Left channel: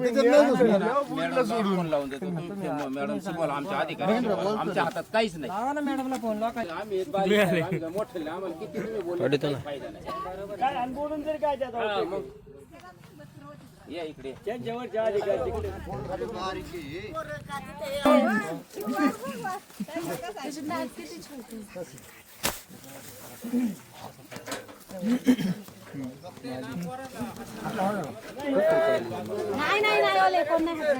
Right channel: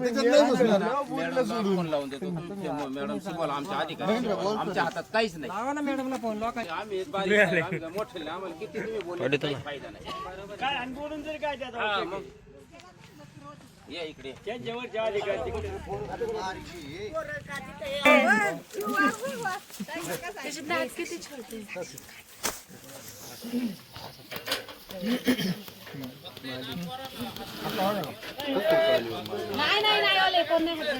Phone लावून देतो. तुम्ही मॅडम शिकवायला आमच्या अधिकारी शिकवायला. आमच्या हातात काहीच नाही. आम्ही बारीक आहे, आम्ही मोठे नाही. आम्हाला किती तुम्ही बोलले तरी काही फायदा नाही. हा, मग. या इकडे. नाही कोण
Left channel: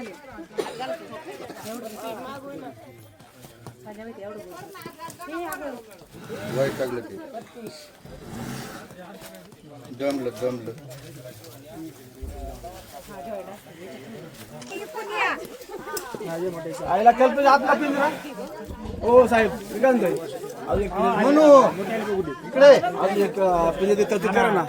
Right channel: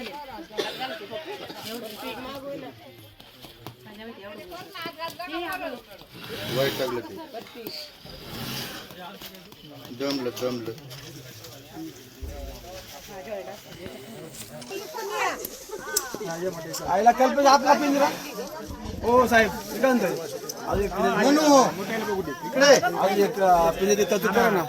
नाही हात घालीत. दमलं दमलं आईला कल्पना आपला पिंजरा हो साहेब निकांत अजून एक म्हणू इकडे अजून एक अं, तुझे ते तरतूद करा ना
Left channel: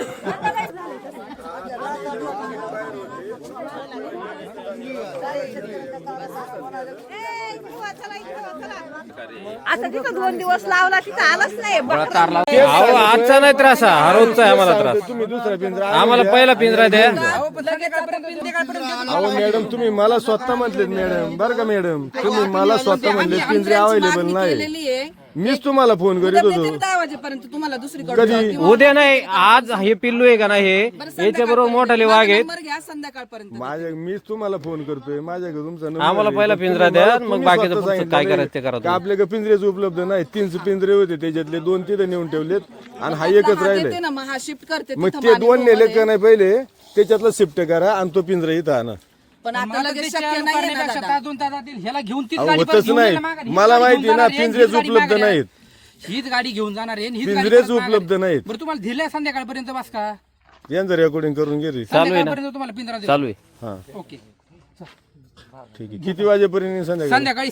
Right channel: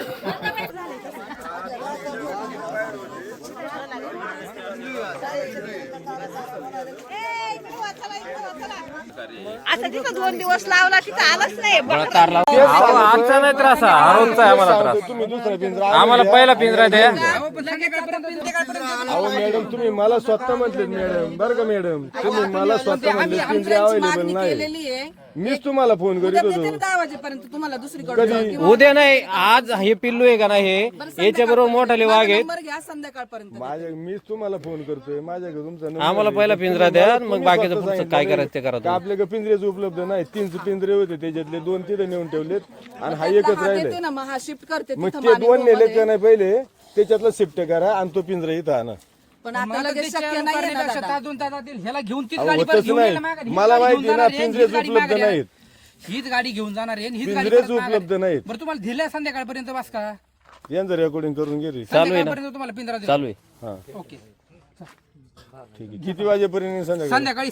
आता तिथं दोन दिवस लावला तिथं आलंच नाही. अहो आजचा नाही त्रास हा रोजचा आहे आम्हाला त्रास. तुम्ही दुसरा पिंजरा आम्हाला पहिला पिंजरा द्या अहो मॅडम तुम्ही मला स्वतः म्हटलेत मॅडम. बरं का मॅडम? तुम्ही मला स्वतः म्हणले पिंजरे अवेलेबल नाही मीच तुम्हाला फोन करीत होतो. दहा वाजेपर्यंत तुम्हाला दुसरी कधी? उद्या नाही आज हे पिल्लू आहे का नाही हे? याच्या बरोबर मोठाले वाघ आहेत. नंबर घ्या संध्याकाळपर्यंत. माझ्या मीच तुम्हाला फोन करतोय. माझ्याकडे तुमचा number आम्हाला आहे. पहिला पिंजरा द्या, मग तुम्ही बाकीचं स्वतः पुढचं सांगितलं काय नाही. करायचं ते करा का तुम्ही. आपल्याकडे पिंजरेच उपलब्ध नाही? तीन पिंजरे होते त्याच्यातले दोन तिथे नेऊन ठेवलेत आणि हा एकच राहिले देते ना मग हा शिफ्ट करते मग तिथं ते माने दोन नेले का नाही पहिले? त्याच्यातलं शिफ्ट करा आणि तो पिंजरा इथं आणा. पण आता लगेच शक्य नाही ना दादा. ह्याला घेऊन तीच अहो, गाडी परत होतच घेऊन नाही. यायला माघारी. हीच मला गाडी माहिती घेऊन ना, जाणार आहे, हीच पिंजरेच गाडी उपलब्ध माघारी. हीच गाडी घेऊन जाणार आहे आणि हीच गाडी पिंजरेच परत माघारी. उपलब्ध नाहीत बरं तुम्हाला दिलंय संध्याकाळपर्यंत बस का यांचं रेकॉर्डिंग करून घे रे. चालू आहे ना संध्याकाळपर्यंत तुम्हाला पिंजरा देऊ चालू आहे हा ओके ठीक आहे किती वाजेपर्यंत संध्याकाळी संध्याकाळी